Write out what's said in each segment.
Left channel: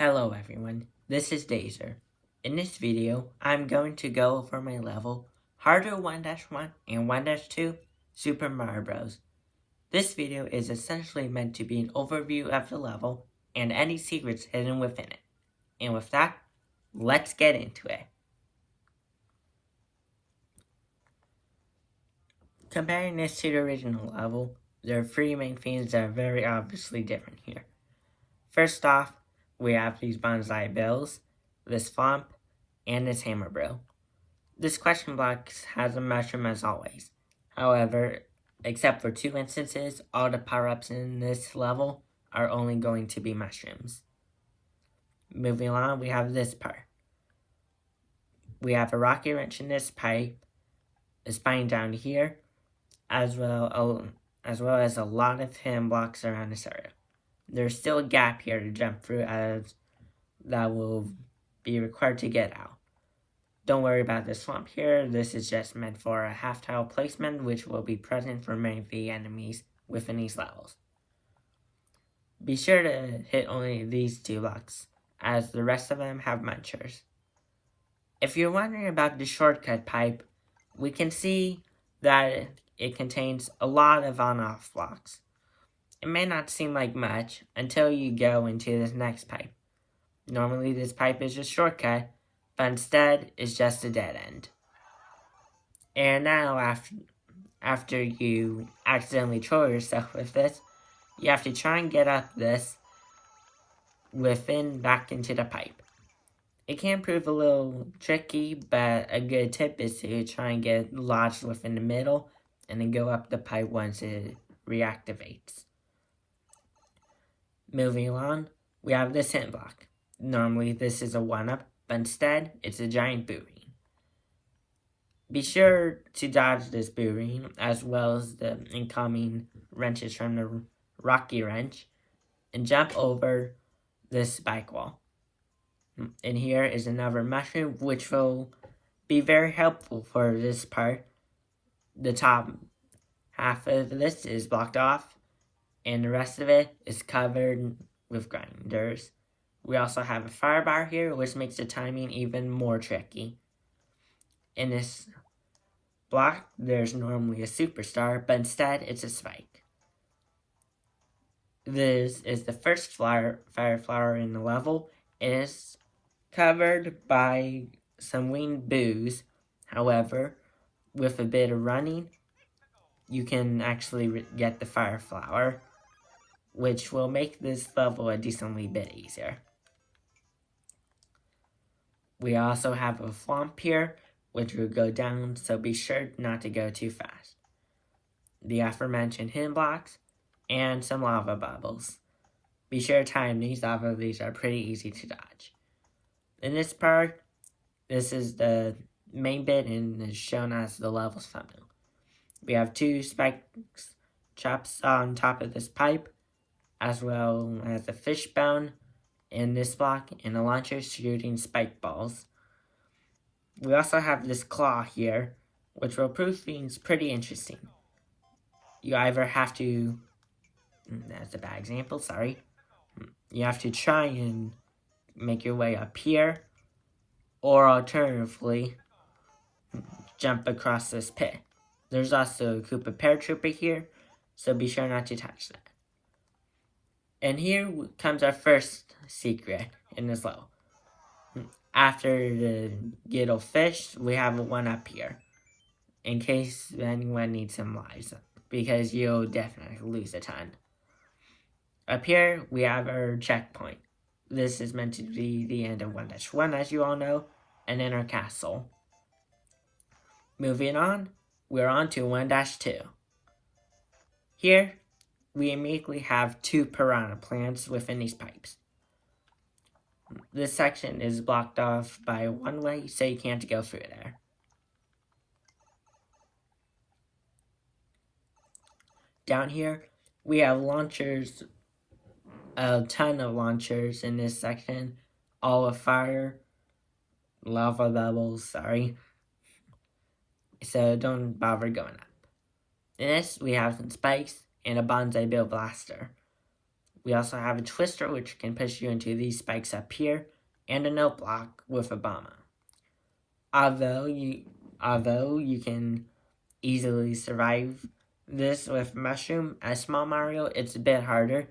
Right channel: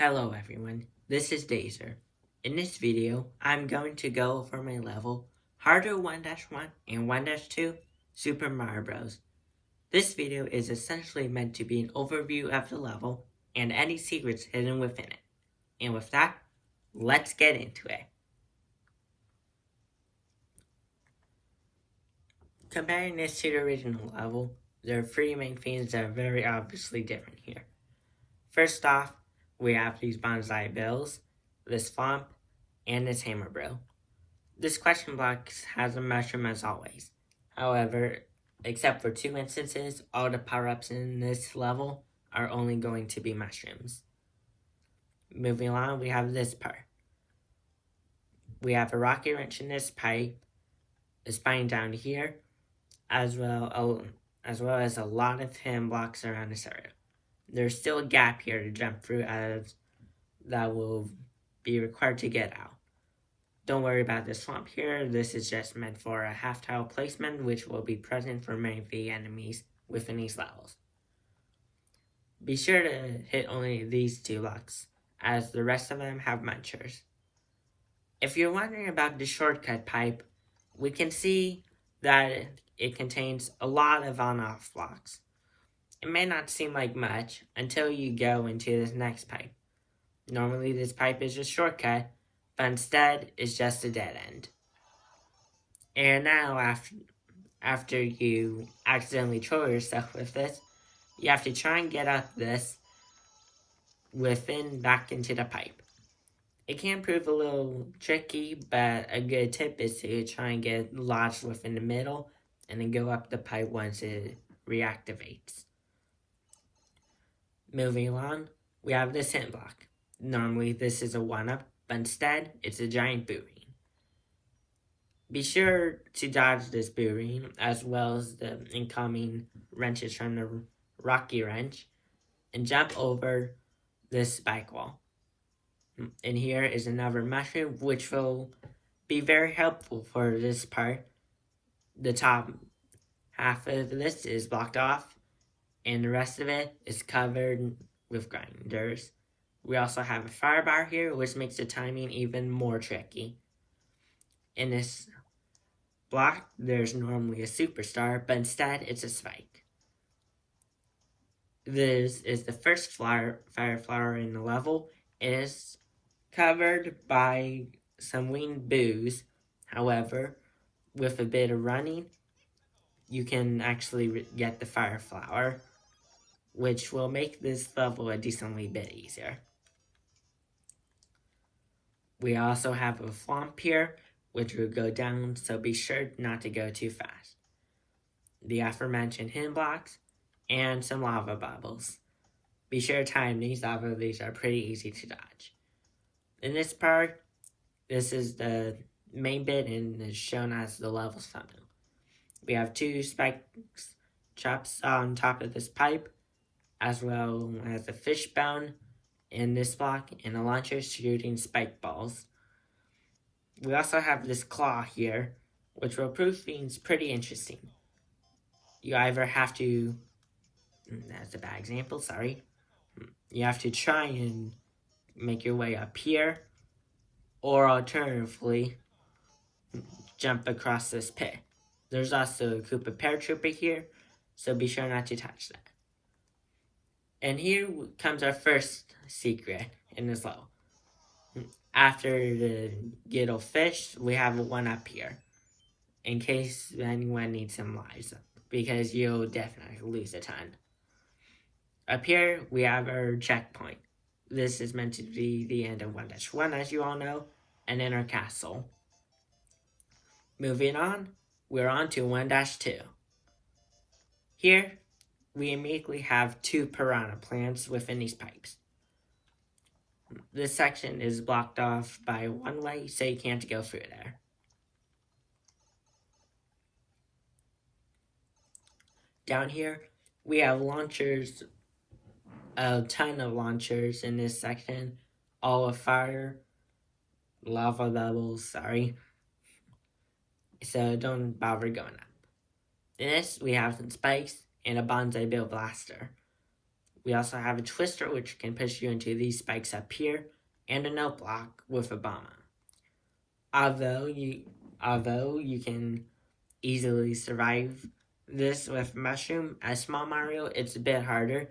Hello everyone, this is Dazer. In this video, I'm going to go over my level Harder 1-1 and 1-2 Super Mario Bros. This video is essentially meant to be an overview of the level and any secrets hidden within it. And with that, let's get into it. Comparing this to the original level, there are three main themes that are very obviously different here. First off, we have these bonsai bills, this swamp, and this hammer drill. This question block has a mushroom as always. However, except for two instances, all the power-ups in this level are only going to be mushrooms. Moving on, we have this part. We have a rocky wrench in this pipe, a spine down here, as well as a lot of hidden blocks around this area. There's still a gap here to jump through as that will be required to get out. Don't worry about the swamp here, this is just meant for a half tile placement which will be present for many of the enemies within these levels. Be sure to hit only these two blocks, as the rest of them have munchers. If you're wondering about the shortcut pipe, we can see that it contains a lot of on-off blocks. It may not seem like much until you go into this next pipe. Normally this pipe is a shortcut, but instead it's just a dead end. And now after you accidentally troll yourself with this, you have to try and get up this back into the pipe. It can prove a little tricky, but a good tip is to try and get lodged within the middle and then go up the pipe once it reactivates. Moving on, we have this hidden block. Normally this is a 1-up, but instead it's a giant boot-ring. Be sure to dodge this boot-ring as well as the incoming wrenches from the rocky wrench and jump over this spike wall. And here is another mushroom which will be very helpful for this part. The top half of this is blocked off and the rest of it is covered with grinders. We also have a fire bar here, which makes the timing even more tricky. In this block, there's normally a superstar, but instead it's a spike. This is the first fire flower in the level. It is covered by some winged boos. However, with a bit of running, you can actually get the fire flower, which will make this level a decently bit easier. We also have a swamp here, which will go down, so be sure not to go too fast. The aforementioned hidden blocks, and some lava bubbles. Be sure to time these, although these are pretty easy to dodge. In this part, this is the main bit and is shown as the level's thumbnail. We have two spikes chops on top of this pipe, as well as a fishbone in this block and a launcher shooting spike balls. We also have this claw here, which will prove things pretty interesting. You either have to, that's a bad example, sorry. You have to try and make your way up here, or alternatively, jump across this pit. There's also a Koopa paratrooper here, so be sure not to touch that. And here comes our first secret in this level. After the Gittle fish, we have a 1-up here, in case anyone needs some lives, because you'll definitely lose a ton. Up here, we have our checkpoint. This is meant to be the end of 1-1, as you all know, and in our castle. Moving on, we're on to 1-2. Here, we immediately have two piranha plants within these pipes. This section is blocked off by one way, so you can't go through there. Down here, we have launchers, a ton of launchers in this section, all of fire, lava bubbles, sorry. So don't bother going up. In this, we have some spikes and a bonsai bill blaster. We also have a twister, which can push you into these spikes up here, and a note block with a bomber. Although you can easily survive this with Mushroom, as Small Mario, it's a bit harder,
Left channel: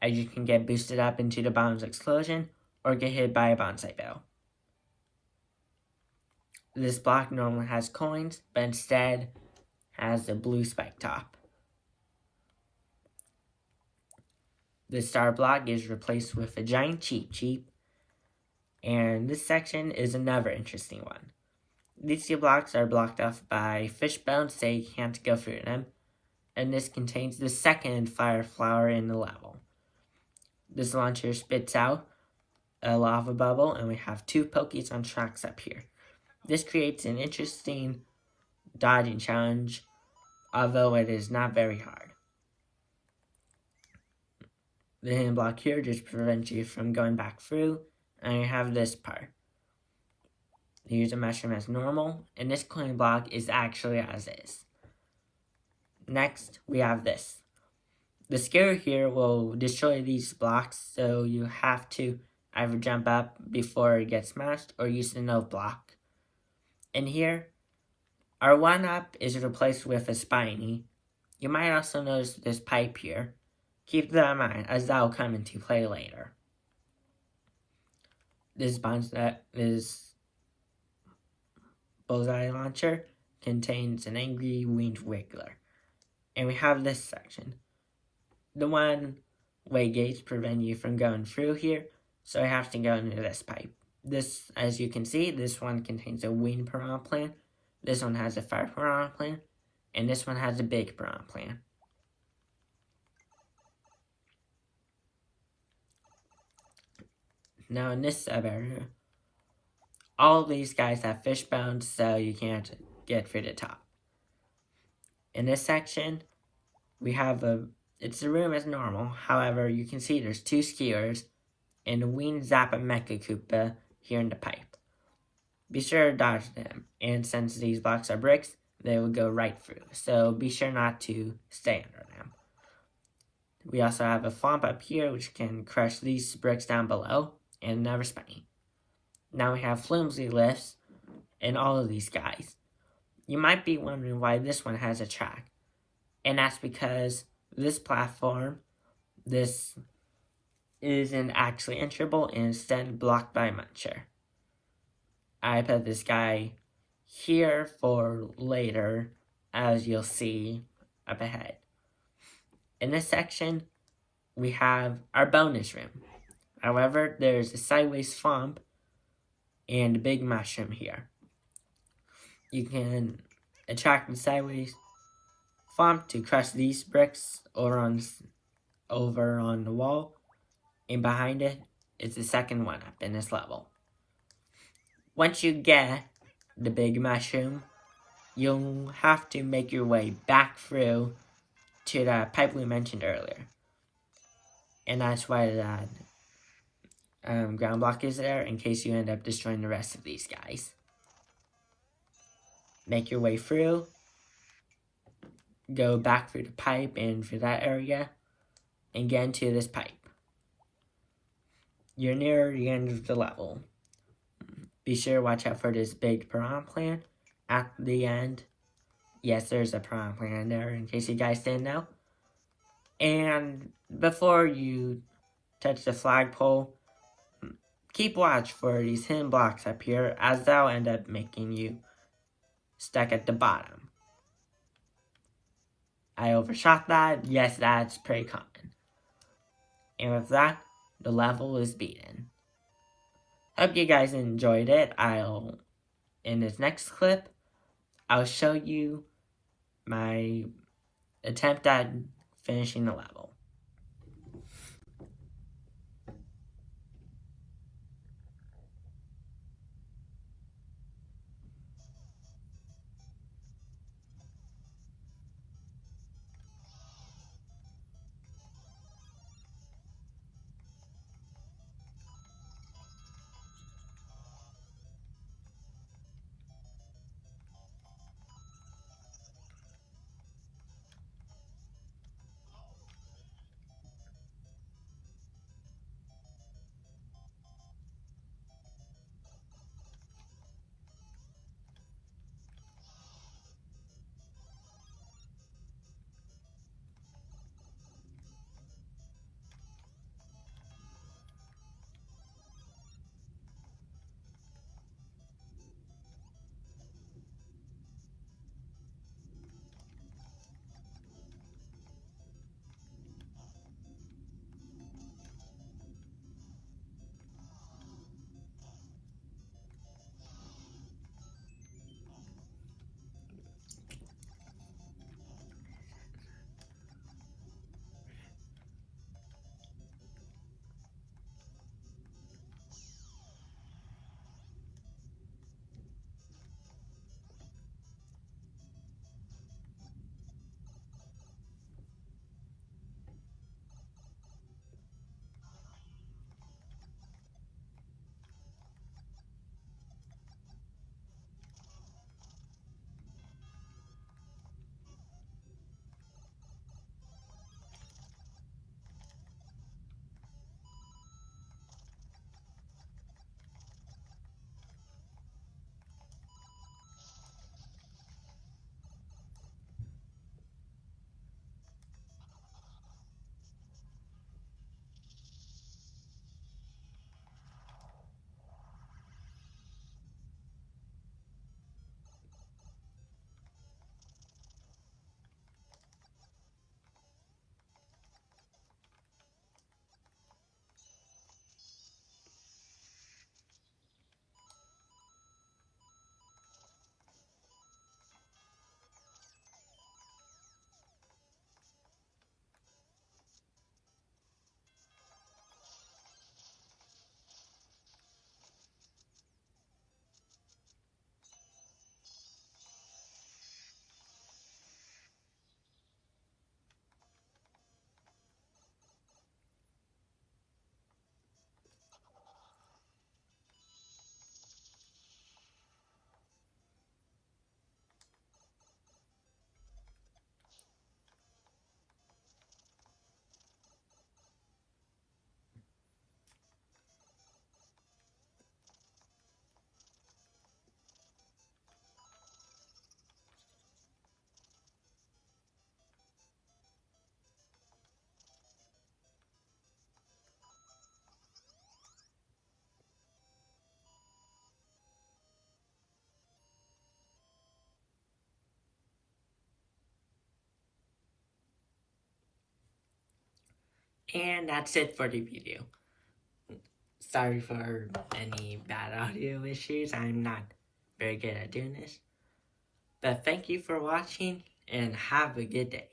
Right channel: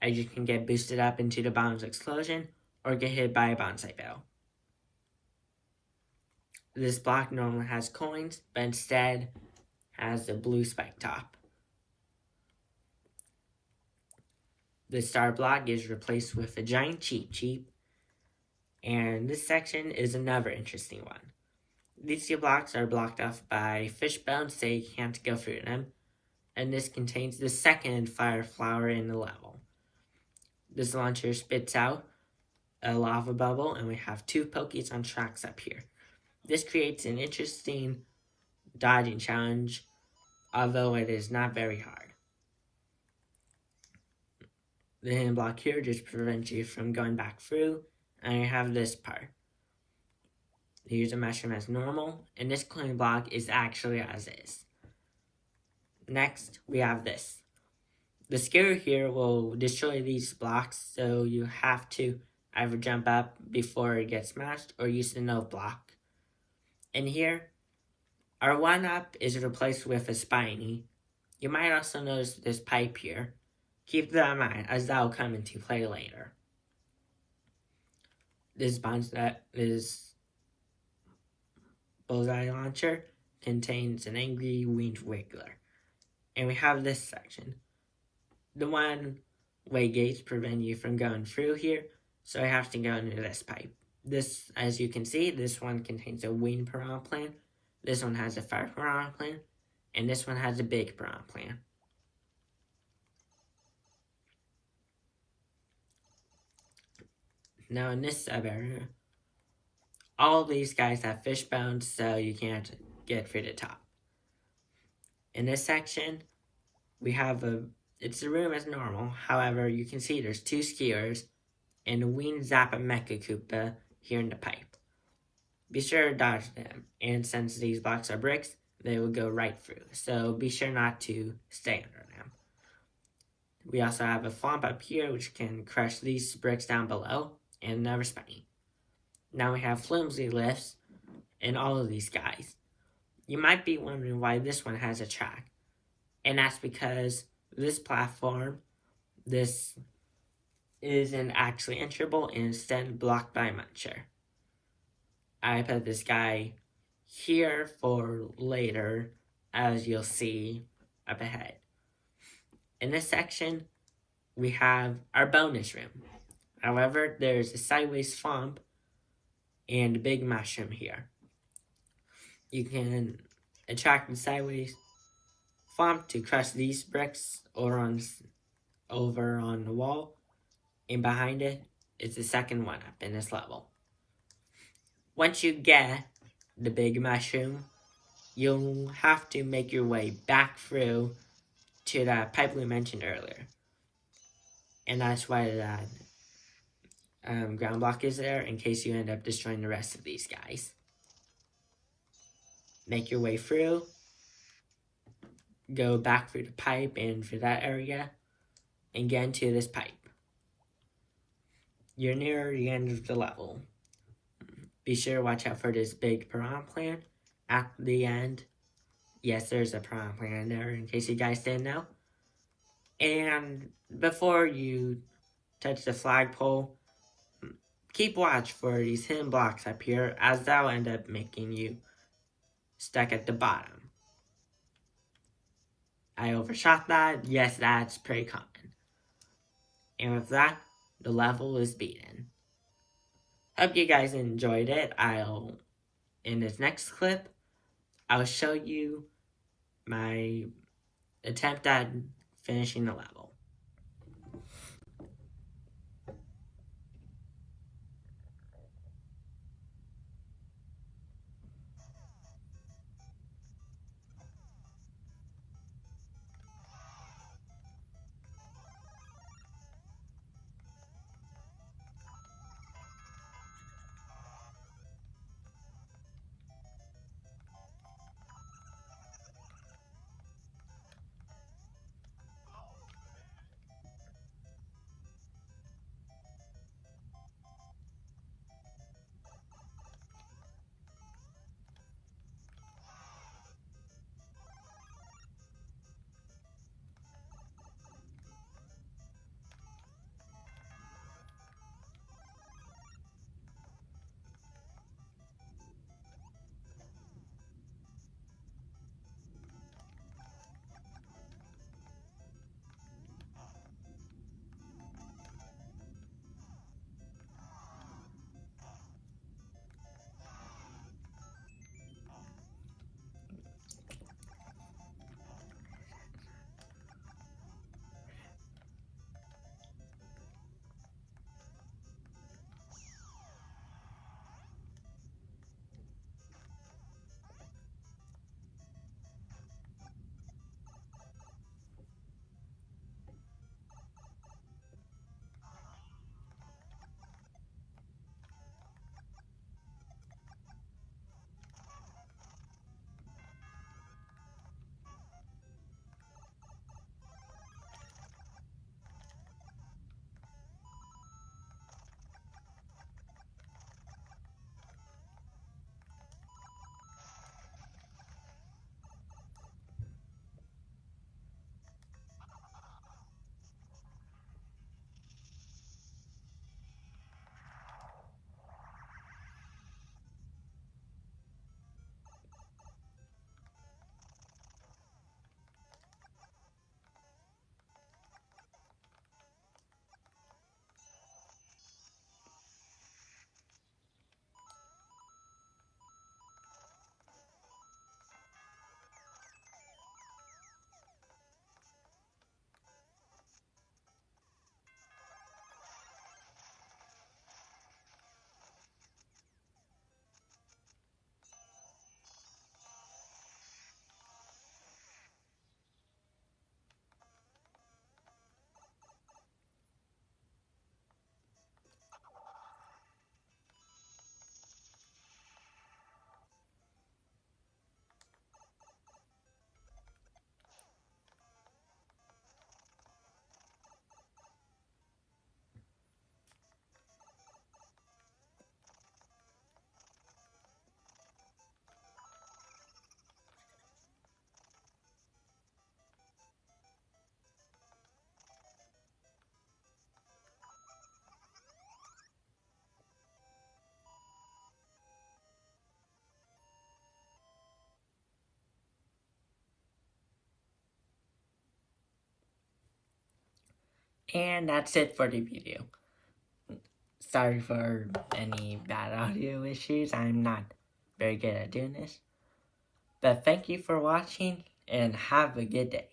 as you can get boosted up into the bomb's explosion, or get hit by a bonsai bell. This block normally has coins, but instead has a blue spike top. The star block is replaced with a giant Cheep Cheep, and this section is another interesting one. These two blocks are blocked off by fish bones, so you can't go through them, and this contains the second fire flower in the level. This launcher spits out a lava bubble, and we have two Pokies on tracks up here. This creates an interesting dodging challenge, although it is not very hard. The hidden block here just prevents you from going back through, and you have this part. You use a mushroom as normal, and this coin block is actually as is. Next, we have this. The skewer here will destroy these blocks, so you have to either jump up before it gets smashed or use the note block. And here, our 1-up is replaced with a spiny. You might also notice this pipe here. Keep that in mind, as that will come into play later. This bullseye launcher contains an angry winged wiggler. And we have this section. The one-way gates prevent you from going through here, so I have to go into this pipe. This, as you can see, this one contains a winged piranha plant, this one has a fire piranha plant, and this one has a big piranha plant. Now in this sub-area, all these guys have fish bones, so you can't get through the top. In this section, we have it's the room as normal, however, you can see there's two skewers and a winged Zappa Mecha Koopa here in the pipe. Be sure to dodge them, and since these blocks are bricks, they will go right through, so be sure not to stay under them. We also have a Thwomp up here, which can crush these bricks down below, and another spiny. Now we have flimsy lifts in all of these guys. You might be wondering why this one has a track, and that's because this platform, this isn't actually enterable and instead blocked by a muncher. I put this guy here for later, as you'll see up ahead. In this section, we have our bonus room. However, there's a sideways thwomp and a big mushroom here. You can attract the sideways thwomp to crush these bricks over on the wall, and behind it is the second 1-up in this level. Once you get the big mushroom, you'll have to make your way back through to that pipe we mentioned earlier. And that's why that ground block is there, in case you end up destroying the rest of these guys. Make your way through, go back through the pipe and through that area, and get into this pipe. You're near the end of the level. Be sure to watch out for this big piranha plant at the end. Yes, there's a piranha plant in there, in case you guys didn't know. And before you touch the flagpole, keep watch for these hidden blocks up here, as they'll end up making you stuck at the bottom. I overshot that. Yes, that's pretty common. And with that, the level is beaten. Hope you guys enjoyed it. In this next clip, I'll show you my attempt at finishing the level. And that's it for the video. Sorry for any bad audio issues. I'm not very good at doing this. But thank you for watching and have a good day.